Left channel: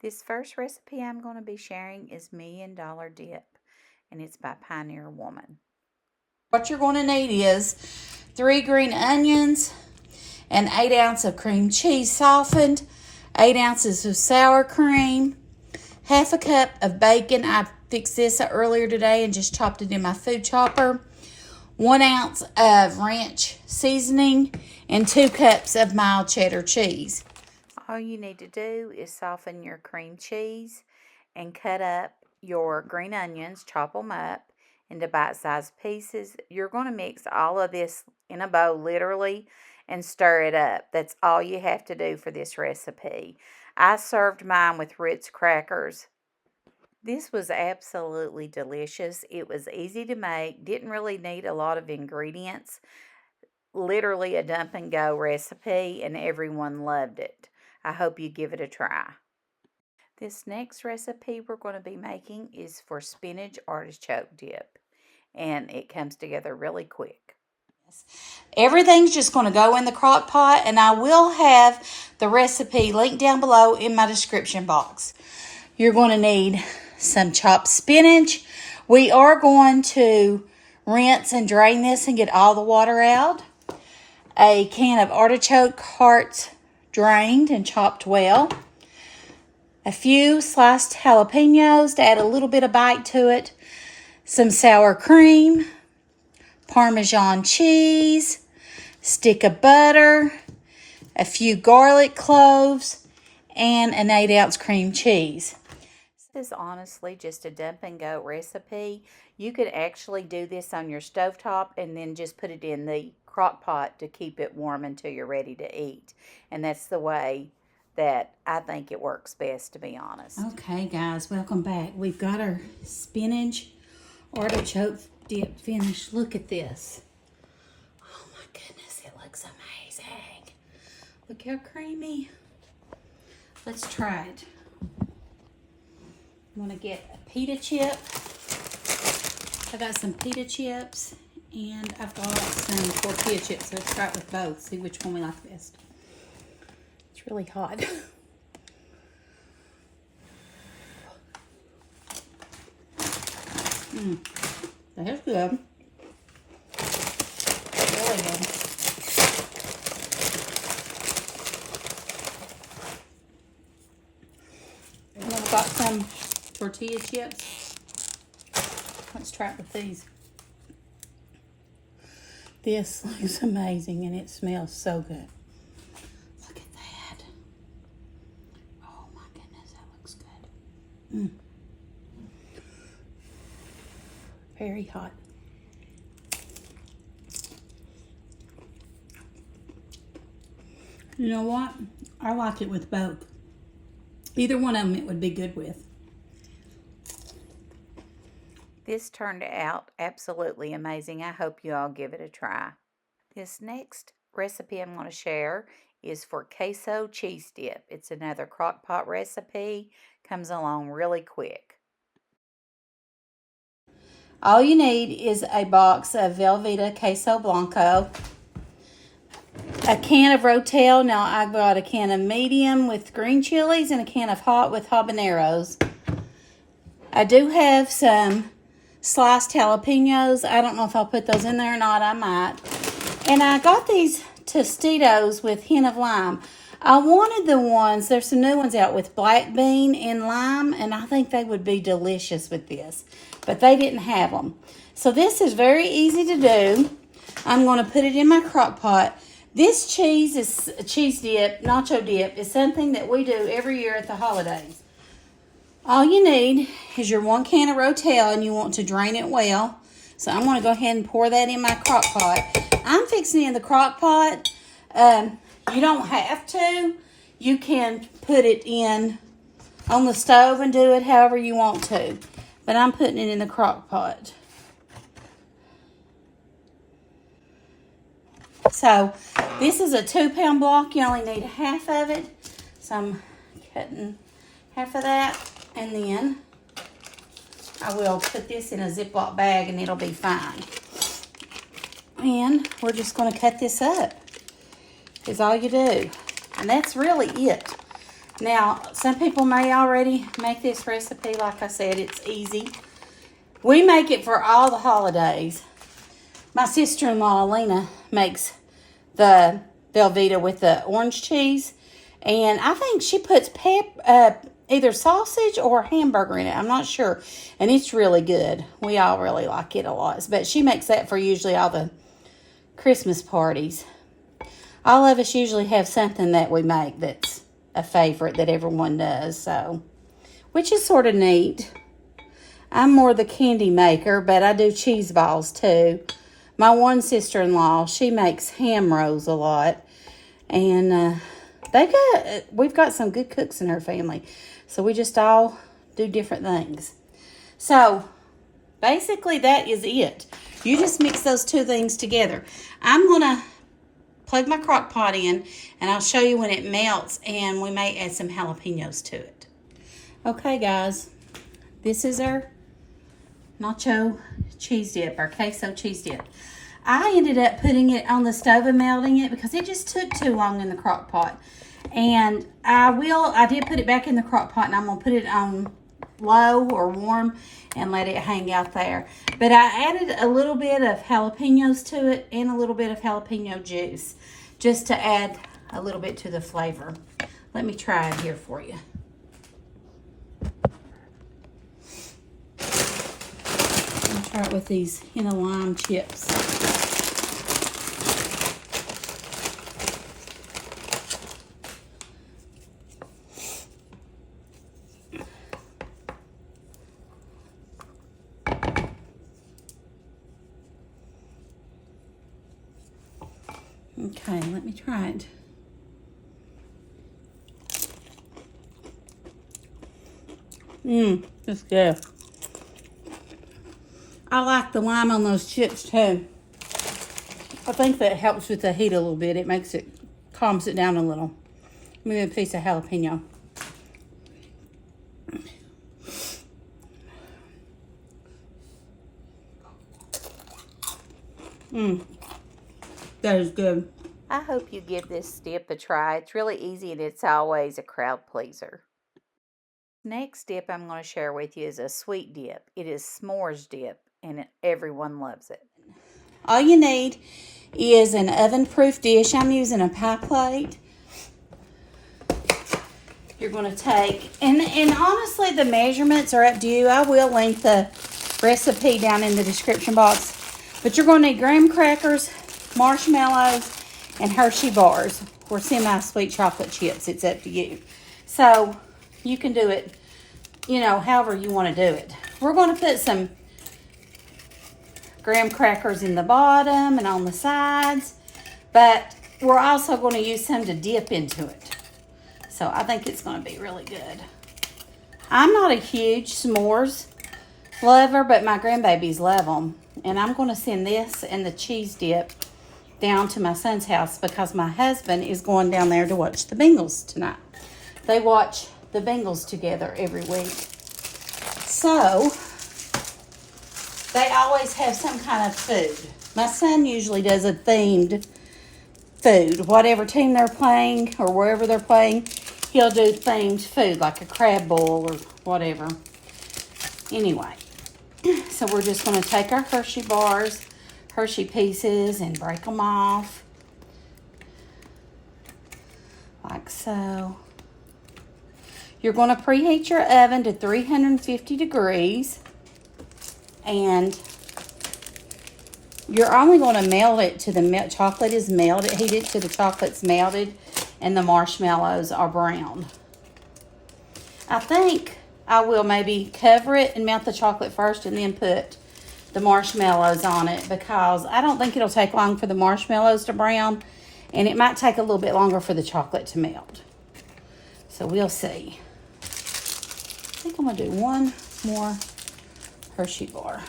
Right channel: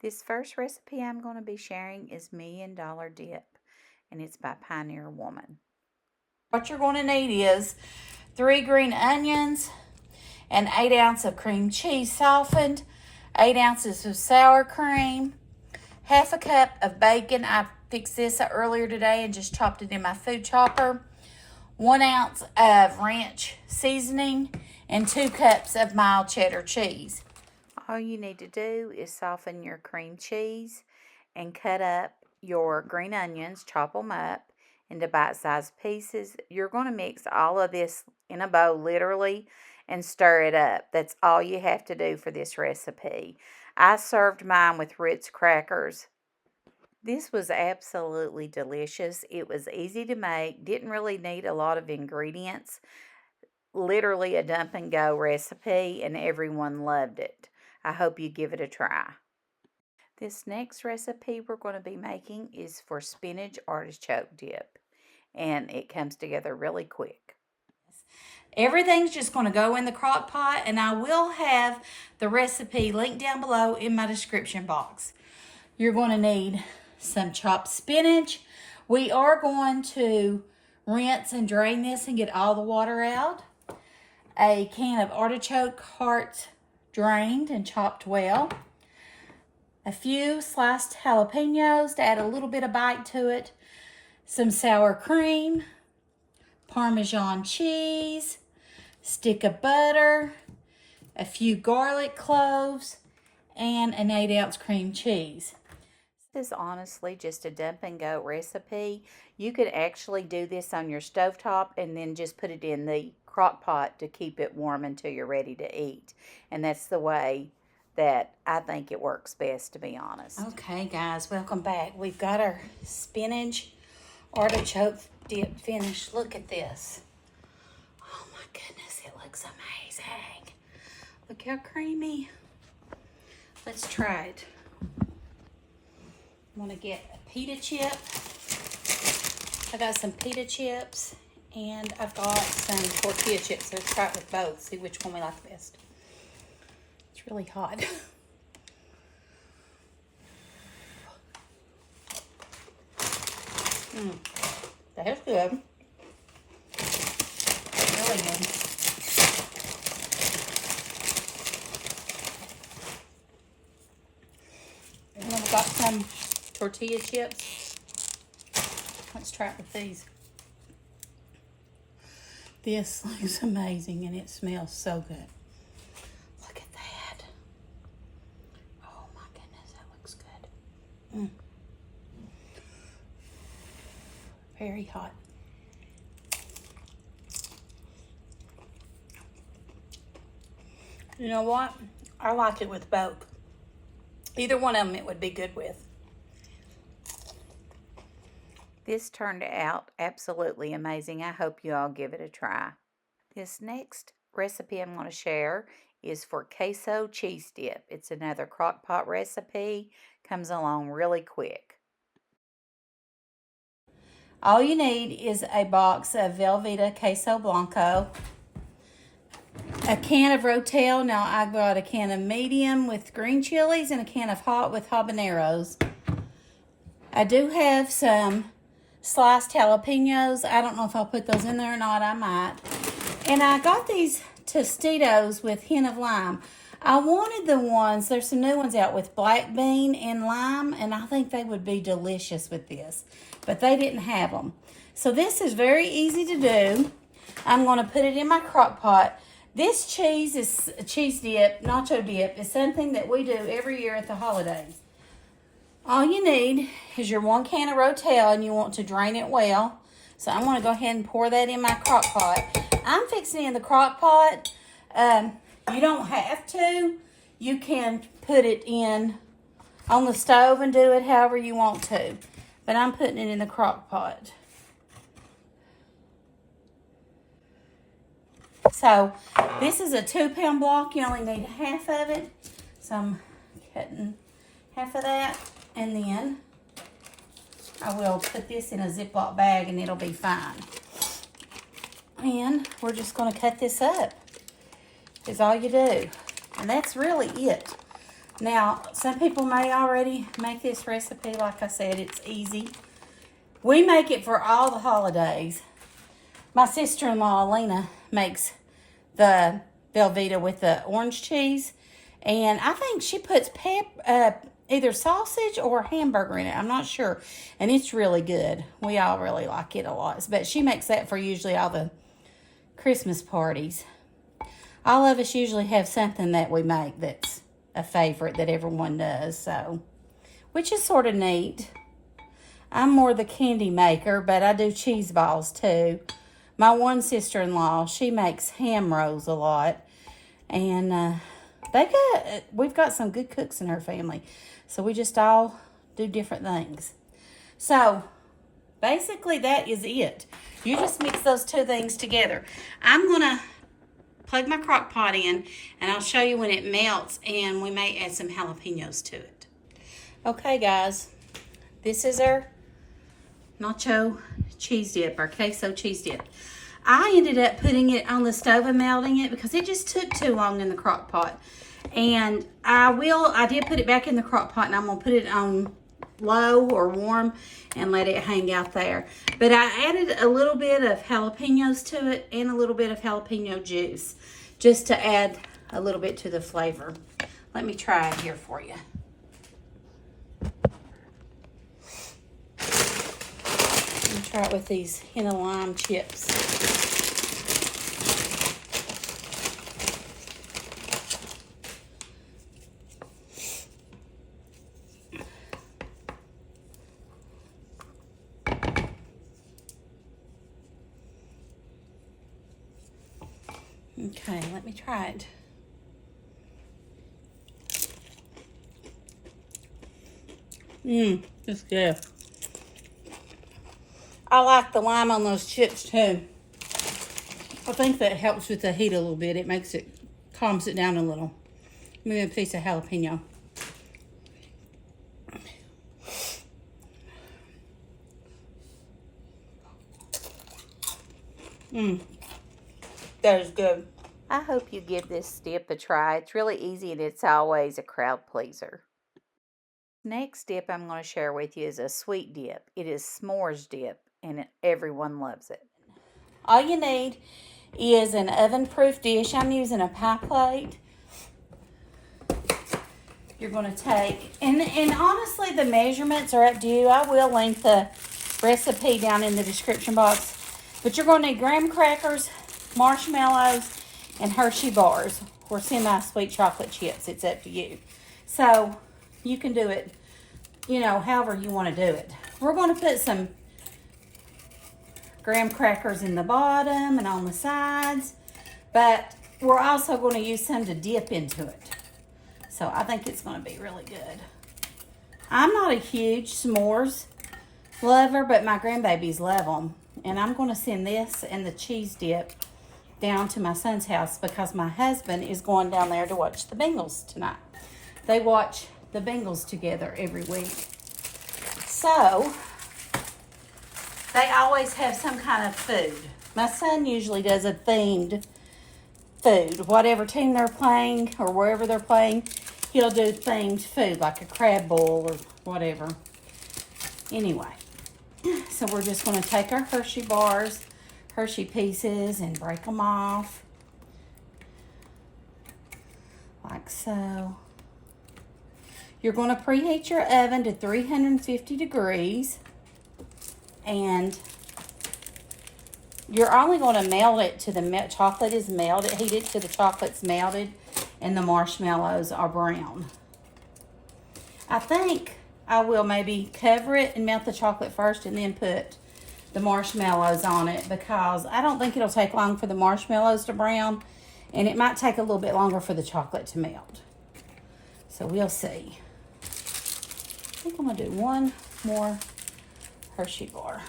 This first recipe I'm going to be sharing is $1 Million Dip, and it's by Pioneer Woman. What you're going to need is 3 green onions, and 8 ounces of cream cheese softened, 8 ounces of sour cream, half a cup of bacon. I fixed this earlier today and just chopped it in my food chopper, 1 ounce of ranch seasoning, and 2 cups of mild cheddar cheese. All you need to do is soften your cream cheese and cut up your green onions, chop them up into bite-sized pieces. You're going to mix all of this in a bowl, literally, and stir it up. That's all you have to do for this recipe. I served mine with Ritz crackers. This was absolutely delicious. It was easy to make, didn't really need a lot of ingredients. Literally a dump and go recipe, and everyone loved it. I hope you give it a try. This next recipe we're going to be making is for spinach artichoke dip, and it comes together really quick. Everything's just going to go in the crock pot, and I will have the recipe linked down below in my description box. You're going to need some chopped spinach. We are going to rinse and drain this and get all the water out. A can of artichoke hearts, drained and chopped well. A few sliced jalapenos to add a little bit of bite to it. Some sour cream, Parmesan cheese, stick of butter, a few garlic cloves, and an 8 ounce cream cheese. This is honestly just a dump and go recipe. You could actually do this on your stovetop and then just put it in the crock pot to keep it warm until you're ready to eat. And that's the way that I think it works best, to be honest. Okay, guys, welcome back. We've got our spinach artichoke dip finished. Look at this. Oh my goodness, it looks amazing. Look how creamy. Let's try it. I'm going to get a pita chip. I got some pita chips, and I've got some tortilla chips. Let's try it with both, see which one we like best. It's really hot. That's good. Really good. And then I've got some tortilla chips. Let's try it with these. This looks amazing, and it smells so good. Look at that. Oh my goodness, that looks good. Very hot. You know what? I like it with both. Either one of them it would be good with. This turned out absolutely amazing. I hope you all give it a try. This next recipe I'm going to share is for queso cheese dip. It's another crock pot recipe. Comes along really quick. All you need is a box of Velveeta Queso Blanco, a can of Rotel. Now I've got a can of medium with green chilies and a can of hot with habaneros. I do have some sliced jalapenos. I don't know if I'll put those in there or not. I might. And I got these Tostitos with hint of lime. I wanted the ones, there's some new ones out with black bean and lime, and I think they would be delicious with this. But they didn't have them. So this is very easy to do. I'm going to put it in my crock pot. This cheese dip, nacho dip, is something that we do every year at the holidays. All you need is your 1 can of Rotel, and you want to drain it well. So I'm going to go ahead and pour that in my crock pot. I'm fixing it in the crock pot. You don't have to. You can put it in on the stove and do it however you want to. But I'm putting it in the crock pot. So this is a 2-pound block. You only need half of it. So I'm cutting half of that. And then I will put this in a Ziploc bag and it'll be fine. And we're just going to cut this up. Is all you do. And that's really it. Now, some people may already make this recipe. Like I said, it's easy. We make it for all the holidays. My sister-in-law, Alina, makes the Velveeta with the orange cheese. And I think she puts either sausage or hamburger in it. I'm not sure. And it's really good. We all really like it a lot. But she makes that for usually all the Christmas parties. All of us usually have something that we make that's a favorite that everyone does. So, which is sort of neat. I'm more the candy maker, but I do cheese balls too. My one sister-in-law, she makes ham rolls a lot. And we've got some good cooks in her family. So we just all do different things. So basically that is it. You just mix those two things together. I'm going to plug my crock pot in and I'll show you when it melts, and we may add some jalapenos to it. Okay guys, this is our nacho cheese dip, our queso cheese dip. I ended up putting it on the stove and melting it because it just took too long in the crock pot. And I did put it back in the crock pot, and I'm gonna put it on low or warm and let it hang out there. But I added a little bit of jalapenos to it and a little bit of jalapeno juice just to add a little bit to the flavor. Let me try it here for you. I'll try it with these henna lime chips. Okay, let me try it. It's good. I like the lime on those chips too. I think that helps with the heat a little bit. It makes it, calms it down a little. Maybe a piece of jalapeno. That is good. I hope you give this dip a try. It's really easy and it's always a crowd pleaser. Next dip I'm going to share with you is a sweet dip. It is s'mores dip, and everyone loves it. All you need is an oven-proof dish. I'm using a pie plate. You're going to take, and honestly, the measurements are up to you. I will link the recipe down in the description box. But you're going to need graham crackers, marshmallows, and Hershey bars or semi-sweet chocolate chips. It's up to you. So you can do it, however you want to do it. We're going to put some graham crackers in the bottom and on the sides, but we're also going to use some to dip into it. So I think it's going to be really good. I'm not a huge s'mores lover, but my grandbabies love them. And I'm going to send this and the cheese dip down to my son's house because my husband is going down there to watch the Bengals tonight. They watch the Bengals together every week. So they always have some kind of food. My son usually does a themed food. Whatever team they're playing or wherever they're playing, he'll do themed food like a crab bowl or whatever. Anyway, so we're just going to take our Hershey bars, Hershey pieces, and break them off like so. You're going to preheat your oven to 350 degrees, and you're only going to melt it to the chocolate is melted. Heat it to the chocolate's melted and the marshmallows are brown. I think I will maybe cover it and melt the chocolate first and then put the marshmallows on it, because I don't think it'll take long for the marshmallows to brown, and it might take a little bit longer for the chocolate to melt. So we'll see. I think I'm going to do one more Hershey bar.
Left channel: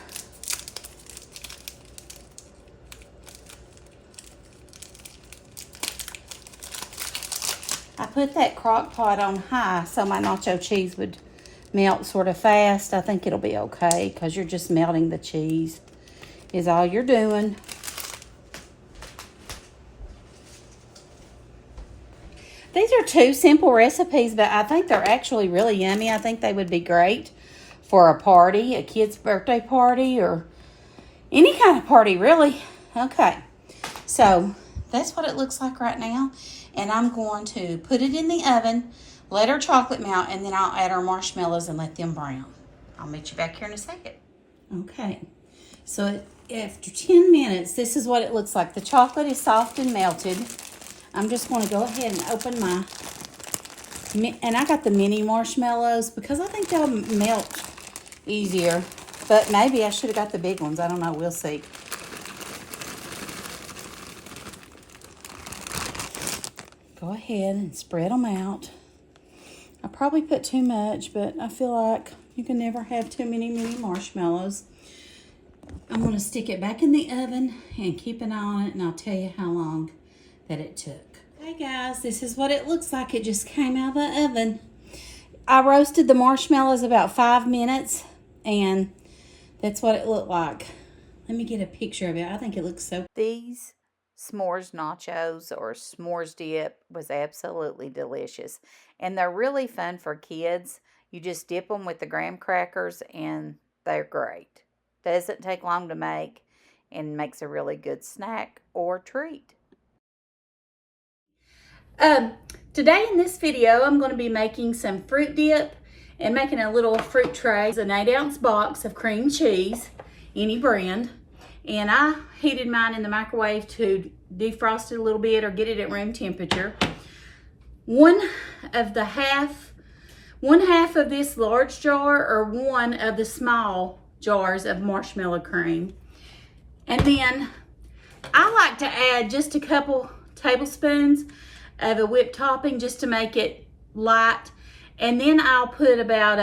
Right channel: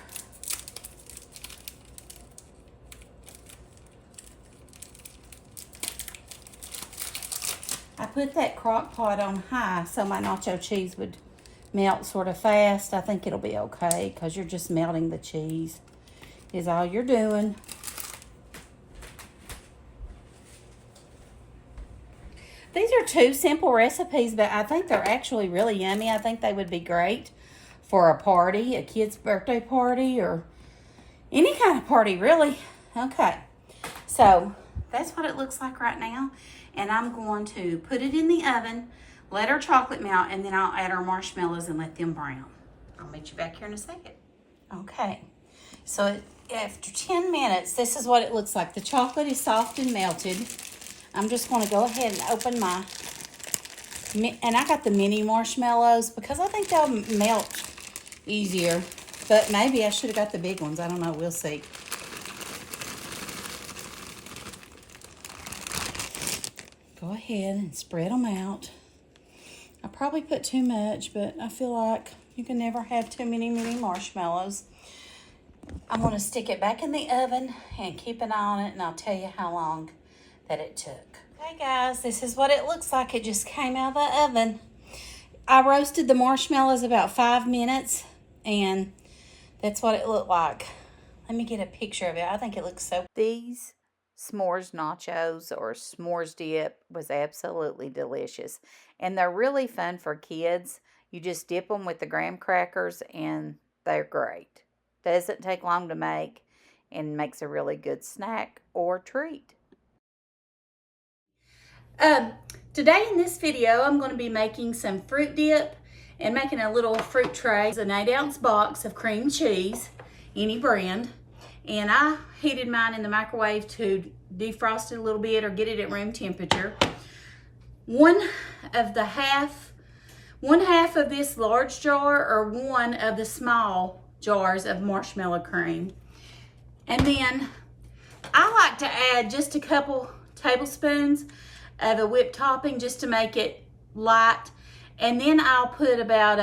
I put that crock pot on high so my nacho cheese would melt sort of fast. I think it'll be okay because you're just melting the cheese is all you're doing. These are two simple recipes, but I think they're actually really yummy. I think they would be great for a party, a kid's birthday party, or any kind of party, really. Okay, so that's what it looks like right now. And I'm going to put it in the oven, let our chocolate melt, and then I'll add our marshmallows and let them brown. I'll meet you back here in a second. Okay, so after 10 minutes, this is what it looks like. The chocolate is soft and melted. I'm just going to go ahead and open my, and I got the mini marshmallows because I think they'll melt easier. But maybe I should have got the big ones. I don't know. We'll see. Go ahead and spread them out. I probably put too much, but I feel like you can never have too many mini marshmallows. I'm going to stick it back in the oven and keep an eye on it, and I'll tell you how long that it took. Hey guys, this is what it looks like. It just came out of the oven. I roasted the marshmallows about 5 minutes, and that's what it looked like. Let me get a picture of it. I think it looks so. These s'mores nachos or s'mores dip was absolutely delicious. And they're really fun for kids. You just dip them with the graham crackers and they're great. Doesn't take long to make and makes a really good snack or treat. Today in this video, I'm going to be making some fruit dip and making a little fruit tray. It's an 8-ounce box of cream cheese, any brand. And I heated mine in the microwave to defrost it a little bit or get it at room temperature. One half of this large jar or one of the small jars of marshmallow cream. And then I like to add just a couple tablespoons of a whipped topping just to make it light. And then I'll put about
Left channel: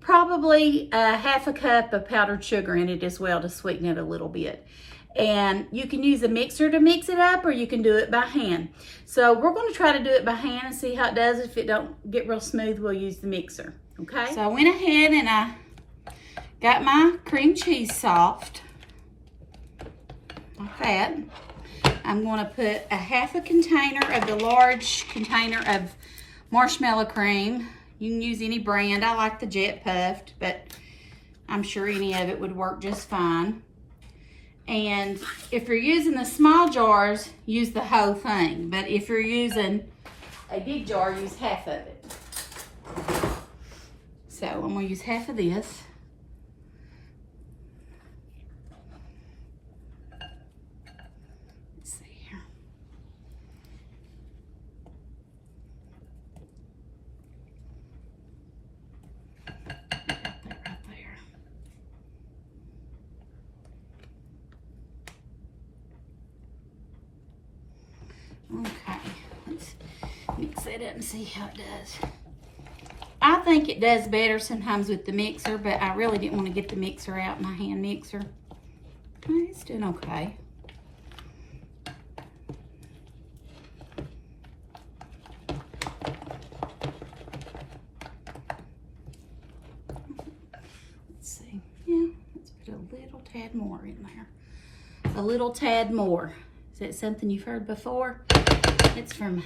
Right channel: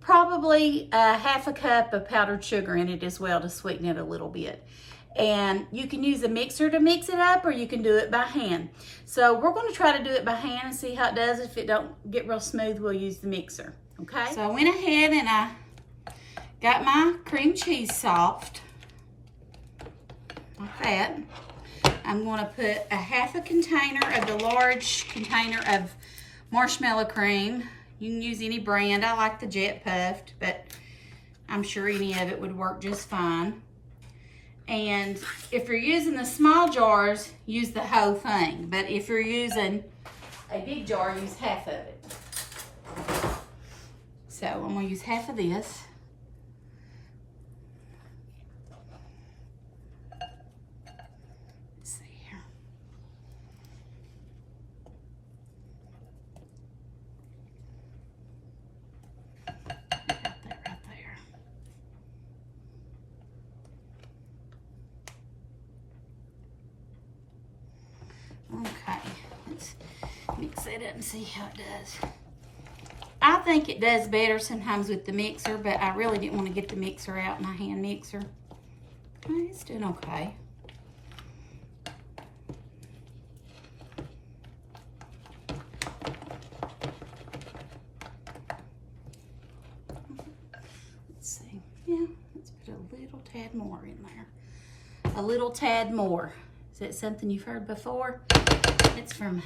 probably a half a cup of powdered sugar in it as well to sweeten it a little bit. And you can use a mixer to mix it up, or you can do it by hand. So we're going to try to do it by hand and see how it does. If it don't get real smooth, we'll use the mixer. Okay? So I went ahead and I got my cream cheese soft. Like that. I'm going to put a half a container of the large container of marshmallow cream. You can use any brand. I like the Jet Puffed, but I'm sure any of it would work just fine. And if you're using the small jars, use the whole thing. But if you're using a big jar, use half of it. So I'm going to use half of this. Let's see here. Okay, let's mix it up and see how it does. I think it does better sometimes with the mixer, but I really didn't want to get the mixer out, my hand mixer. It's doing okay. Let's see. Yeah, let's put a little tad more in there. A little tad more. Is that something you've heard before? It's from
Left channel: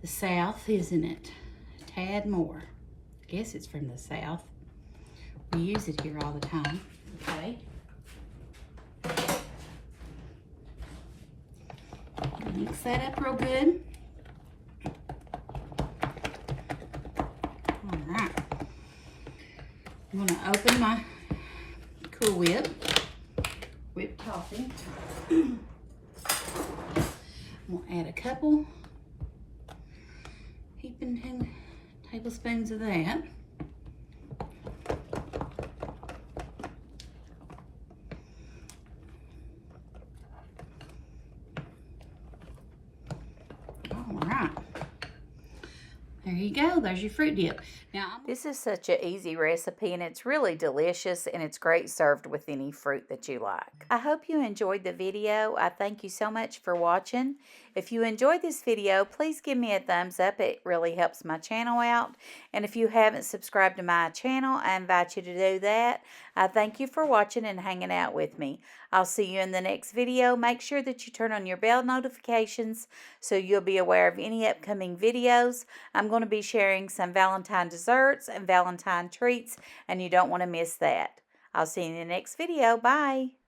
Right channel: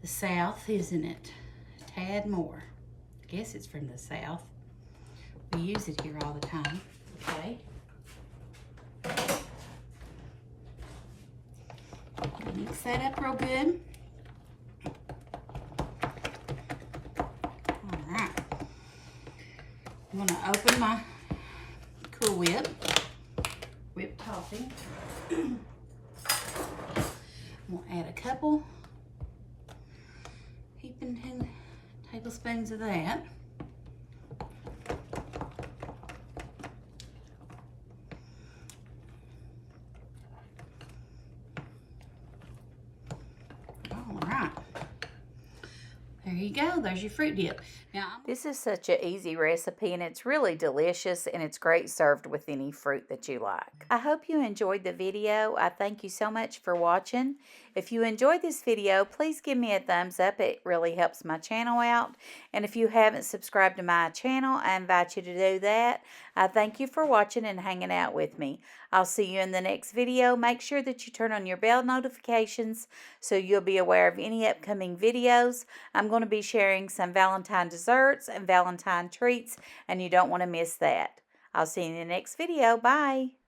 the South, isn't it? A tad more. I guess it's from the South. We use it here all the time. Okay. Mix that up real good. All right. I'm gonna open my Cool Whip. Whipped topping. I'm gonna add a couple heaping tablespoons of that. All right. There you go. There's your fruit dip. Now, This is such an easy recipe and it's really delicious and it's great served with any fruit that you like. I hope you enjoyed the video. I thank you so much for watching. If you enjoyed this video, please give me a thumbs up. It really helps my channel out. And if you haven't subscribed to my channel, I invite you to do that. I thank you for watching and hanging out with me. I'll see you in the next video. Make sure that you turn on your bell notifications so you'll be aware of any upcoming videos. I'm going to be sharing some Valentine desserts and Valentine treats, and you don't want to miss that. I'll see you in the next video. Bye.